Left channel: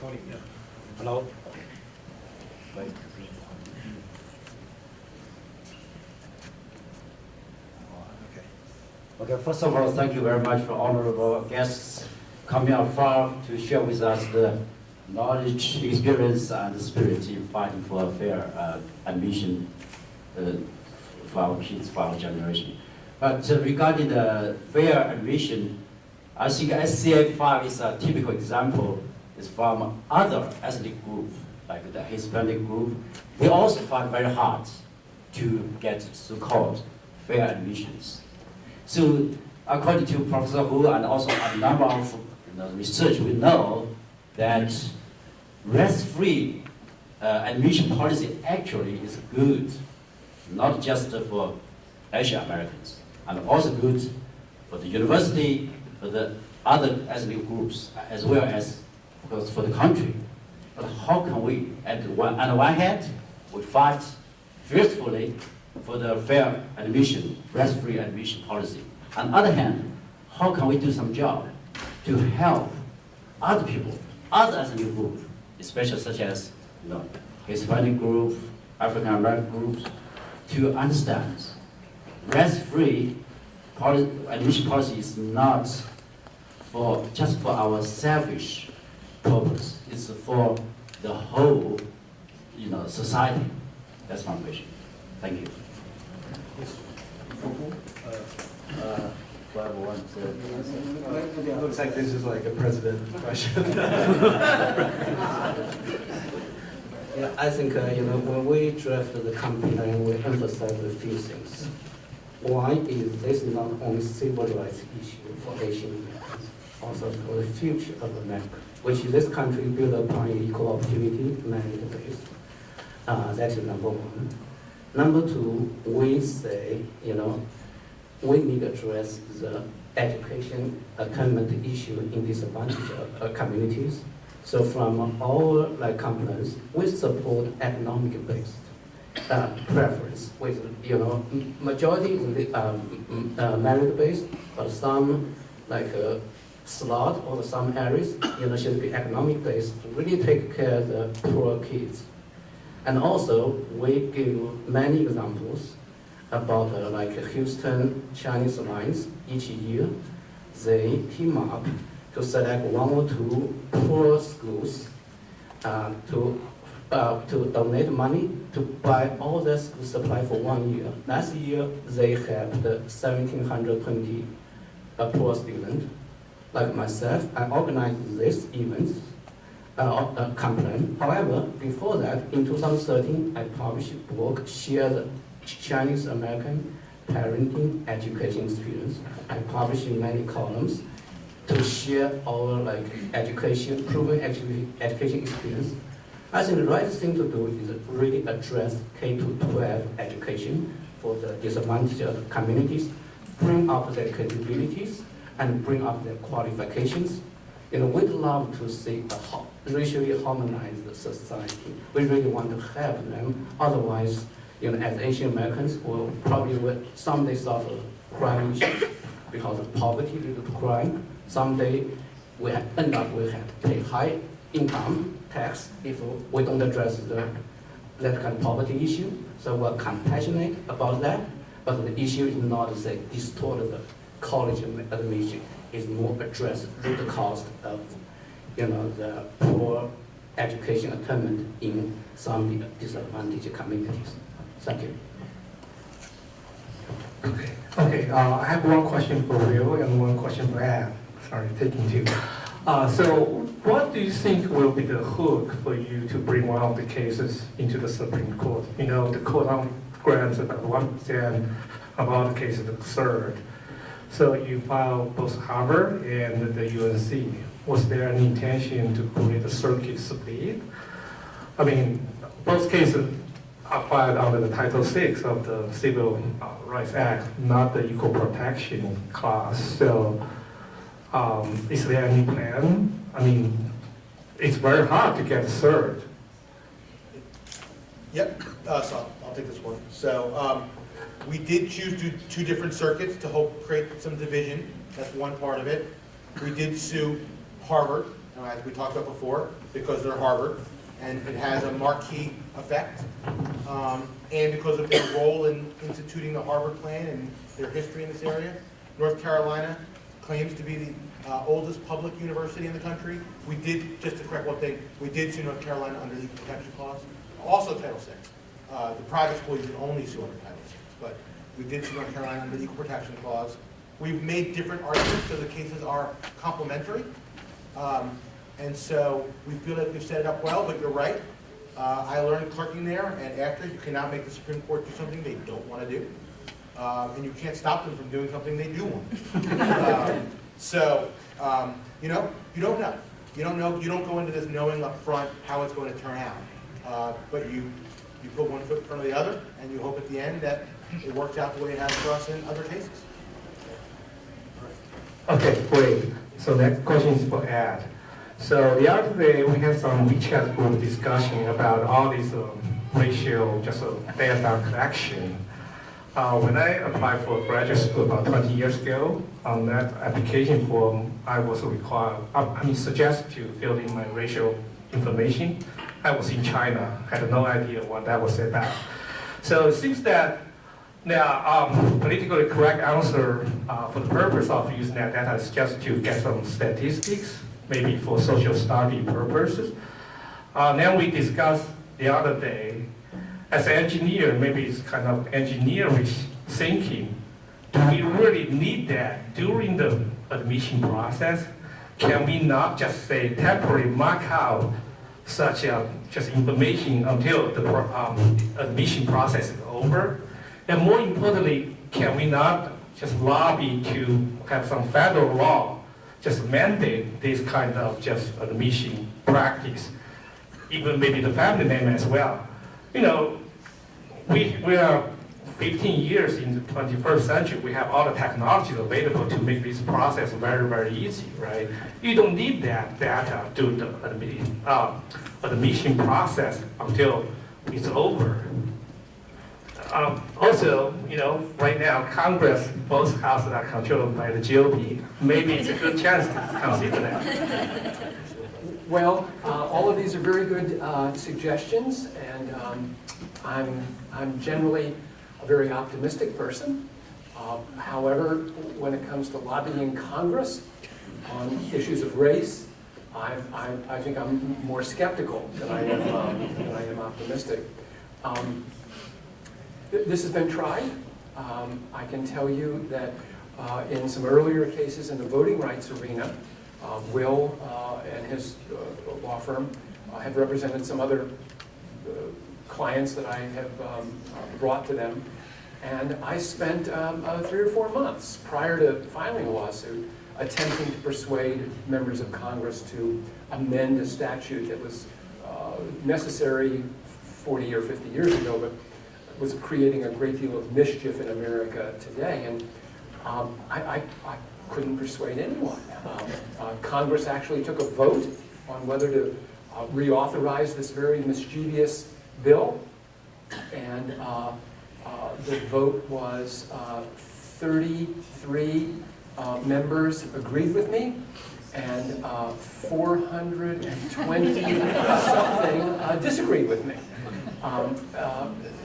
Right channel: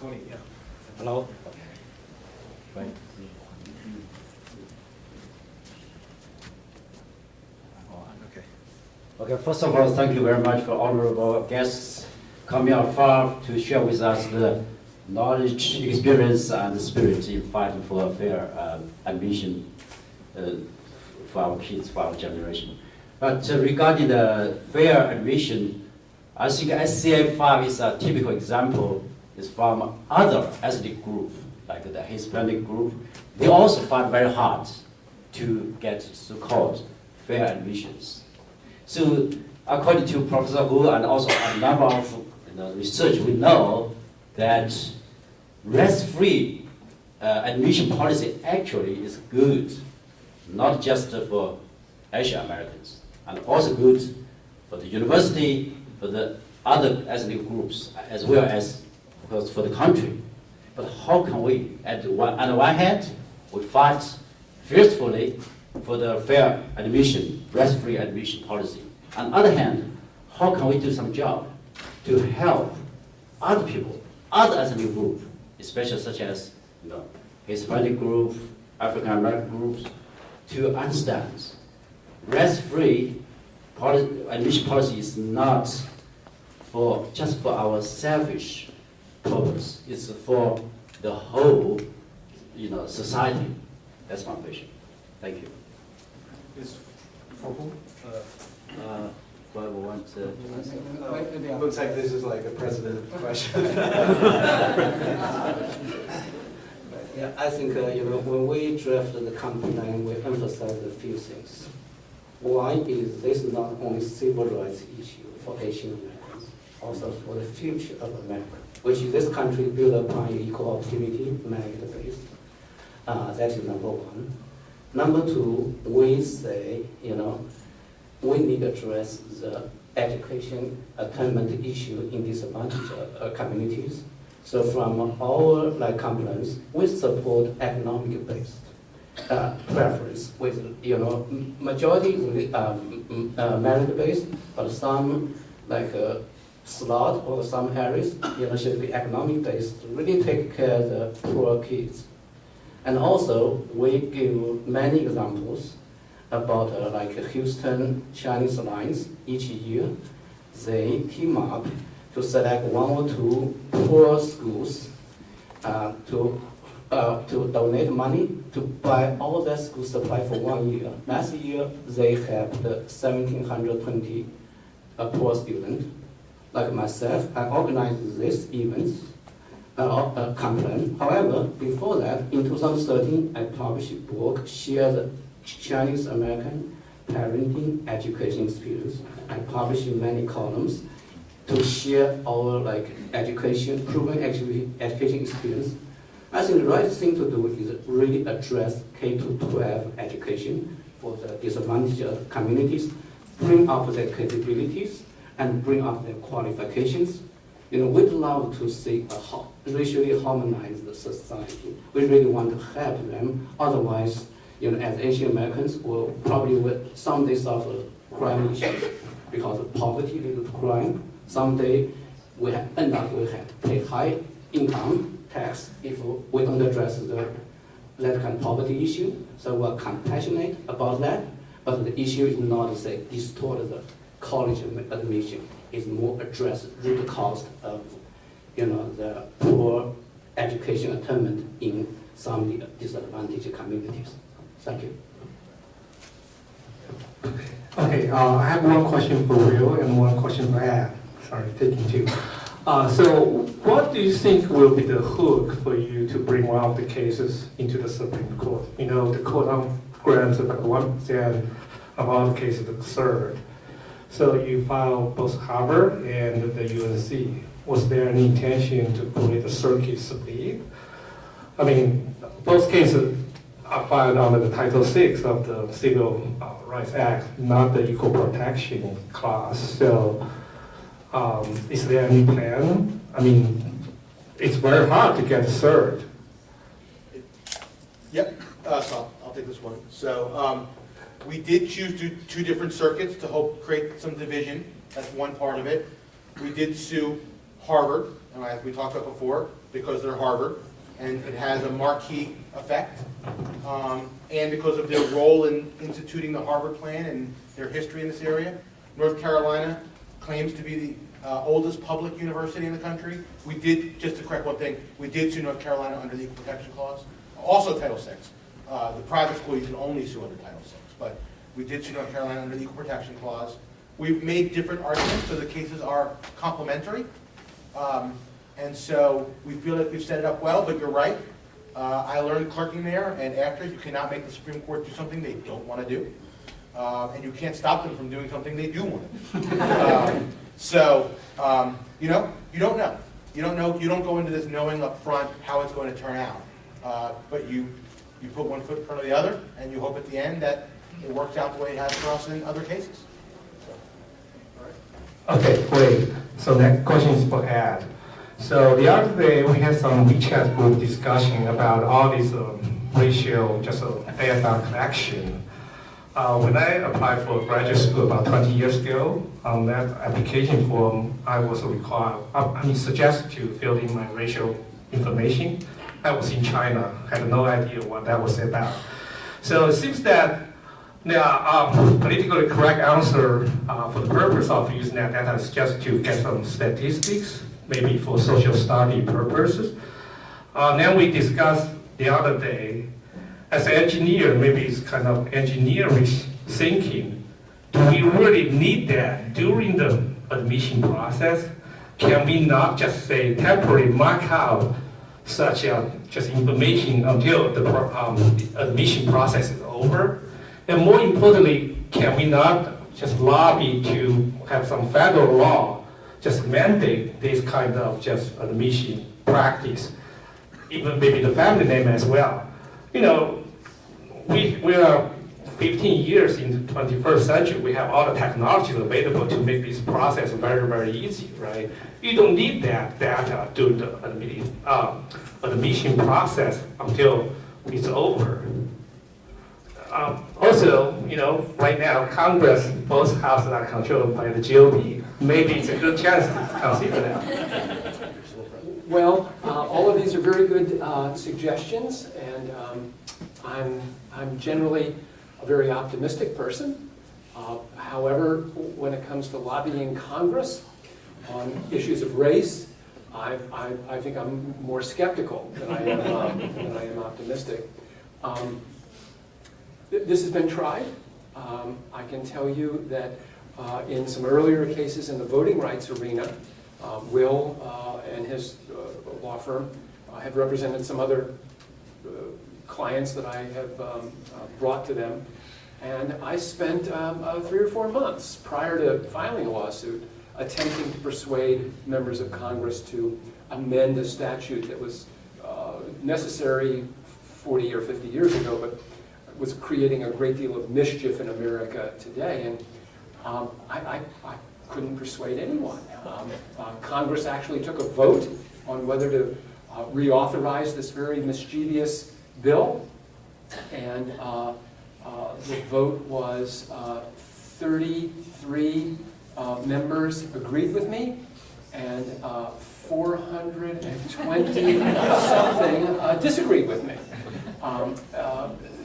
Tony, yeah. Hello. Wait. Okay. Okay, first of all, thank you very much for honorable guests coming out far to share with us the knowledge, experience, and spirit in fighting for a fair admission for our kids, for our generation. But regarding the fair admission, I think SCA 5 is a typical example. It's from other ethnic group, like the Hispanic group. They also fight very hard to get so-called fair admissions. So according to Professor Hu and also a number of research, we know that risk-free admission policy actually is good, not just for Asian Americans, and also good for the university, for the other ethnic groups, as well as, of course, for the country. But how can we, on the one hand, we fight fiercely for the fair admission, risk-free admission policy. On the other hand, how can we do some job to help other people, other ethnic groups, especially such as Hispanic group, African American groups, to understand risk-free admission policy is not just for our selfish purpose. It's for the whole, society. That's my vision. Thank you. Yes. For who? Looks like this is like a president question. Yeah, I think when we drafted the campaign, we emphasized a few things. One is this is not only civil rights issue for Asian Americans, also for the future of America, which is this country built upon equal opportunity merit-based. That is number one. Number two, we say, we need to address the education attainment issue in disadvantaged communities. So from our complaints, we support economic-based preference with majority merit-based, but some slot or some areas should be economic-based to really take care of the poor kids. And also we give many examples about Houston Chinese lines. Each year they team up to select one or two poor schools to donate money to buy all their school supply for 1 year. Last year, they helped 1,720 poor students. Like myself, I organized this event, campaign. However, before that, in 2013, I published a book, Share the Chinese American Parenting Education Experience. I published many columns to share our education, proven education experience. I think the right thing to do is really address K-12 education for the disadvantaged communities, bring up their capabilities, and bring up their qualifications. We'd love to see a racially harmonized society. We really want to help them. Otherwise, as Asian Americans, will probably someday suffer crime issues because of poverty leads to crime. Someday we end up we have to pay high income tax if we don't address that kind of poverty issue. So we're compassionate about that, but the issue is not to say distort the college admission. It's more address root cause of the poor education attainment in some disadvantaged communities. Thank you. Okay. I have one question for Will and one question for Ed. Sorry, taking two. So what do you think will be the hook for you to bring one of the cases into the Supreme Court? The court grants about 1% about the case is absurd. So you filed both Harvard and the UNC. Was there any intention to create a circuit split? I mean, both cases are filed under the Title VI of the Civil Rights Act, not the Equal Protection Clause. So is there any plan? I mean, it's very hard to get cert. Yep, so I'll take this one. So we did choose two different circuits to help create some division. That's one part of it. We did sue Harvard, as we talked about before, because they're Harvard, and it has a marquee effect, and because of their role in instituting the Harvard Plan and their history in this area. North Carolina claims to be the oldest public university in the country. We did, just to correct one thing, we did sue North Carolina under the Equal Protection Clause, also Title VI. The private school you can only sue under Title VI, but we did sue North Carolina under the Equal Protection Clause. We've made different arguments, so the cases are complementary. And so we feel like we've set it up well, but you're right. I learned clerking there, and after, you cannot make the Supreme Court do something they don't want to do. And you can't stop them from doing something they do want to do. You know, you don't know. You don't know. You don't go into this knowing up front how it's going to turn out. But you put one foot in front of the other, and you hope at the end that it works out the way it has for us in other cases. Okay, great. So next question is for Ed. So the other day we had some WeChat group discussion about all this racial data collection. When I applied for graduate school about 20 years ago, on that application form, I was required, suggested to fill in my racial information. I was in China, had no idea what that was about. So it seems that there are politically correct answer for the purpose of using that data is just to get some statistics, maybe for social study purposes. Then we discussed the other day, as an engineer, maybe it's kind of engineering thinking. Do we really need that during the admission process? Can we not just say temporarily mark out such just information until the admission process is over? And more importantly, can we not just lobby to have some federal law just mandate this kind of just admission practice, even maybe the family name as well? You know, we are 15 years in the 21st century. We have all the technologies available to make this process very, very easy, right? You don't need that data during the admission process until it's over. Also, you know, right now, Congress, both houses are controlled by the GOP. Maybe it's a good chance to consider that. Well, all of these are very good suggestions, and I'm generally a very optimistic person. However, when it comes to lobbying Congress on issues of race, I think I'm more skeptical than I am optimistic. This has been tried. I can tell you that in some earlier cases in the voting rights arena, Will and his law firm have represented some other clients that I have brought to them. And I spent 3 or 4 months prior to filing a lawsuit attempting to persuade members of Congress to amend a statute that was necessary 40 or 50 years ago, but was creating a great deal of mischief in America today. And I couldn't persuade anyone. Congress actually took a vote on whether to reauthorize this very mischievous bill, and the vote was 33 members agreed with me, and 420 something disagreed with me.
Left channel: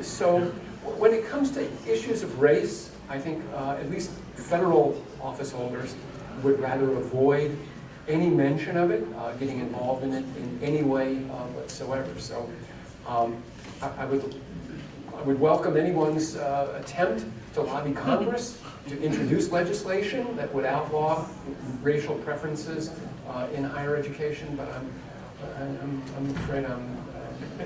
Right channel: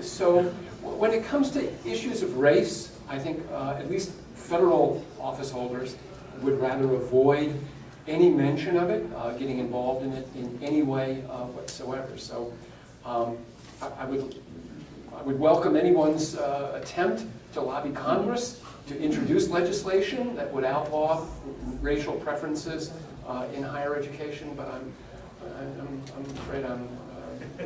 So when it comes to issues of race, I think at least federal office holders would rather avoid any mention of it, getting involved in it in any way whatsoever. So I would welcome anyone's attempt to lobby Congress to introduce legislation that would outlaw racial preferences in higher education, but I'm afraid I'm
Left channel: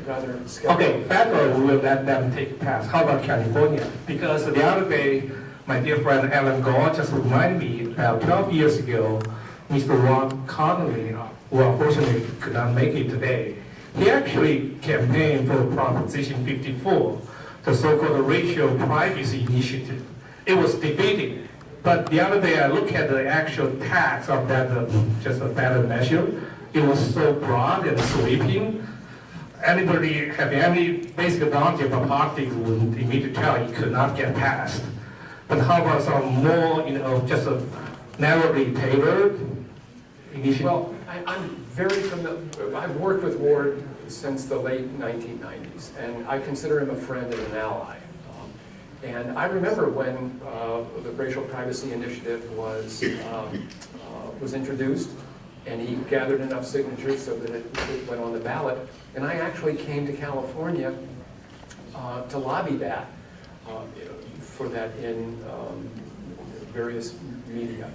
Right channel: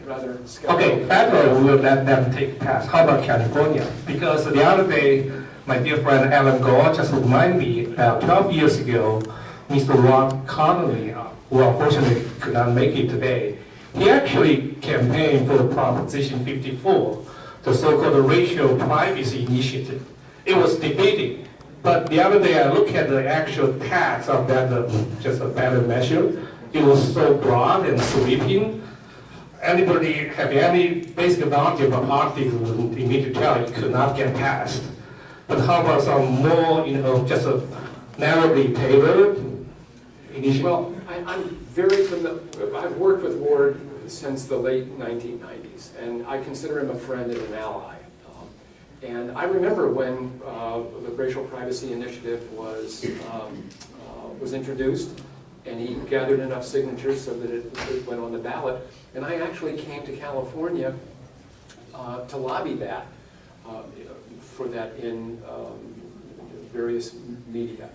rather skeptical. Okay, federal will let them take pass. How about California? Because the other day, my dear friend Alan Gore just reminded me about 12 years ago, Mr. Ron Connolly, who unfortunately could not make it today, he actually campaigned for the Proposition 54, the so-called racial privacy initiative. It was debated, but the other day I looked at the actual text of that, just a ballot measure. It was so broad and sweeping. Anybody have any basic knowledge about politics would immediately tell it could not get passed. But how about some more, just a narrowly tailored initiative? Well, I'm very familiar, I've worked with Ward since the late 1990s, and I consider him a friend and an ally. And I remember when the Racial Privacy Initiative was introduced, and he gathered enough signatures so that it went on the ballot. And I actually came to California to lobby that, for that in various media.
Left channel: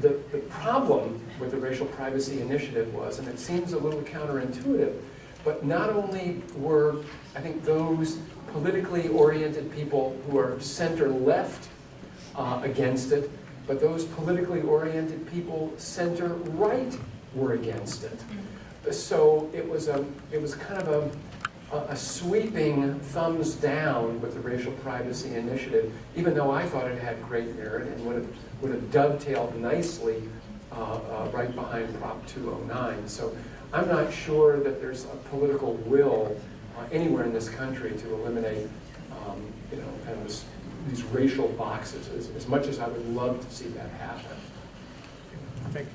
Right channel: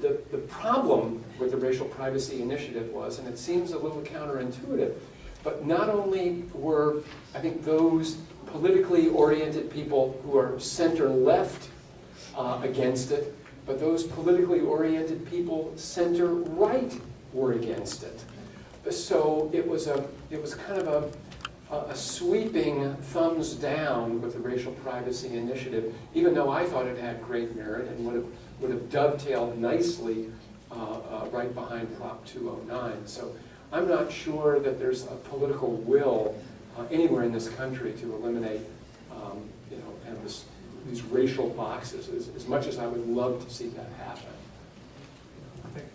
The problem with the Racial Privacy Initiative was, and it seems a little counterintuitive, but not only were, I think, those politically oriented people who are center-left against it, but those politically oriented people center-right were against it. So it was kind of a sweeping thumbs down with the Racial Privacy Initiative, even though I thought it had great merit and would have dovetailed nicely right behind Prop 209. So I'm not sure that there's a political will anywhere in this country to eliminate, kind of these racial boxes, as much as I would love to see that happen. I think